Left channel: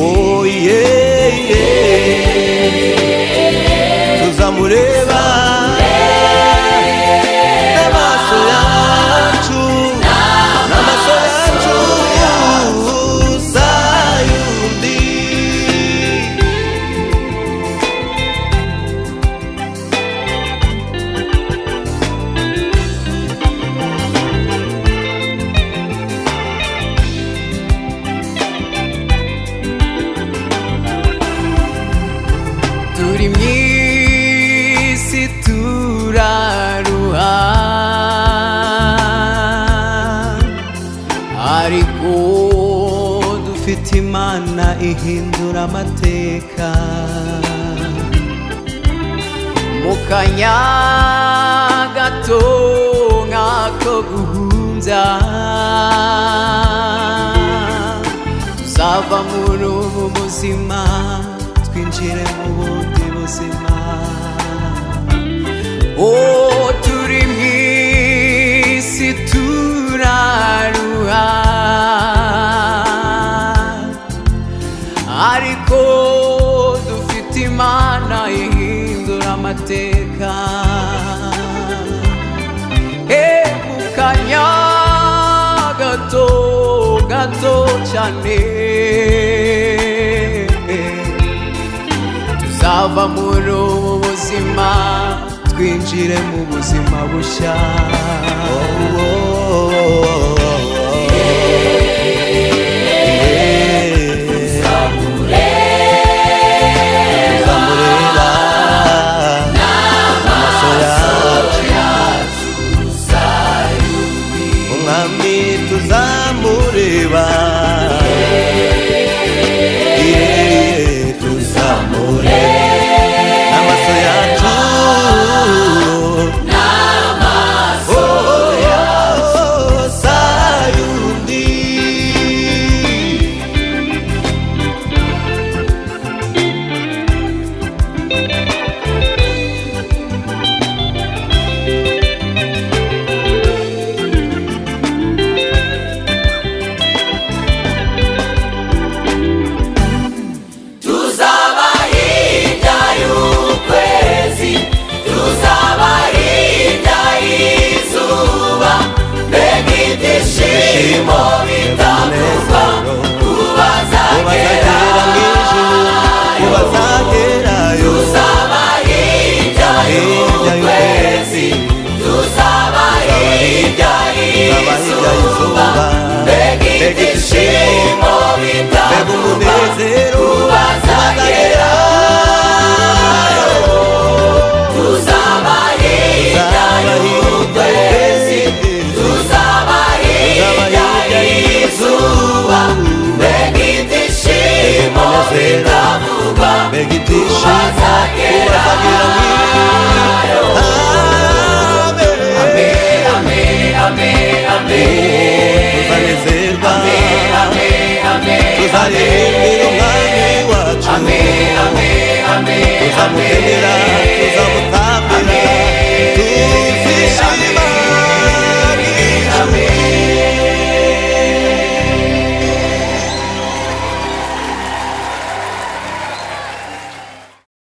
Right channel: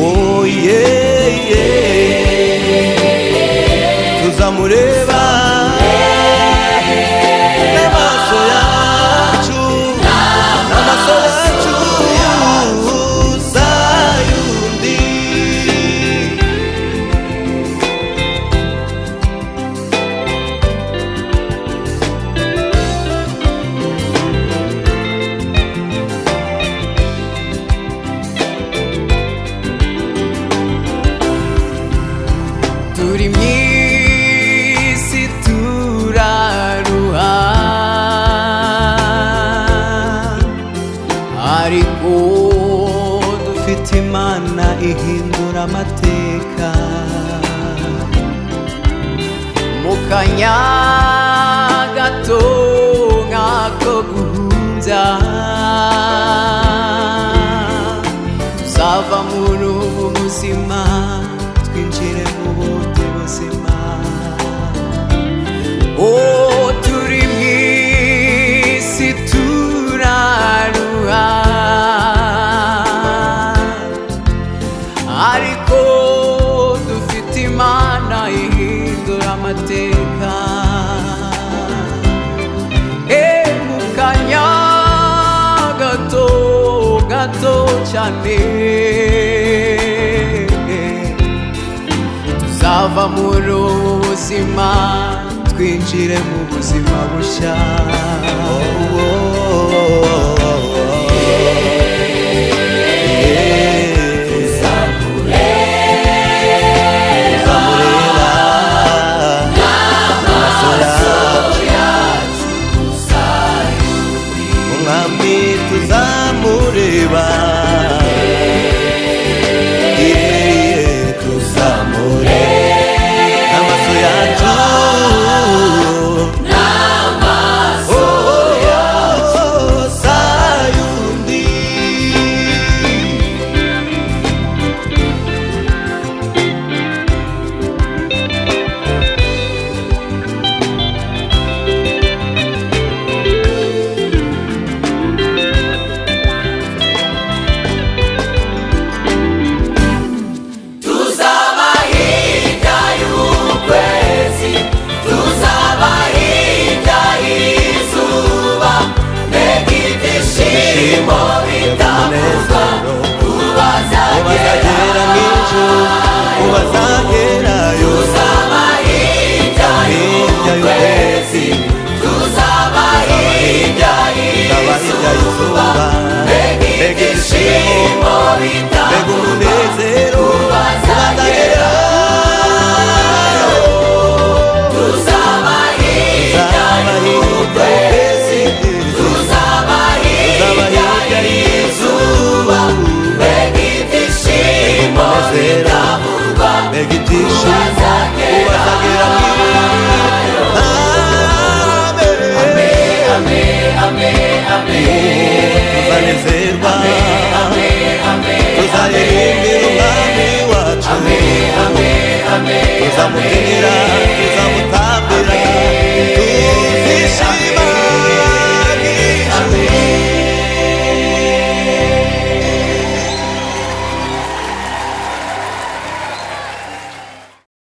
oh yeah, yeah. Tuzamureba n'amaso yacu, n'amaso yacu sayundi. Turi mw'isi turaruha, ariko dufite Imana ihindura amateka. Mu kanya gato nk'ako guhumbya, tuzava muri ubu buzima twinjire mu bundi buzima. Oh, turi mw'isi turaruha, ariko dufite Imana ihindura amateka. Mu kanya gato gato cyane tuzava muri ubu buzima twinjire mu buzima bushya. Tuzamureba n'amaso yacu, umwami tuzamureba, tuzamureba n'amaso yacu, sayundi. Mbega umunezero ubazagera mw'ijuru, ubazagerayo. Tuzaba hirya y'ukwezi, tuzaba hirya y'izuba. Mbega ibyishimo, mbega umunezero ubazagerayo. Tuzaba hirya y'ukwezi, tuzaba hirya y'izuba. Mbega umunezero, mbega ibyishimo ubazagera tuzanezerwa, tuzaririmbira umwami wacu, tuzamubyinira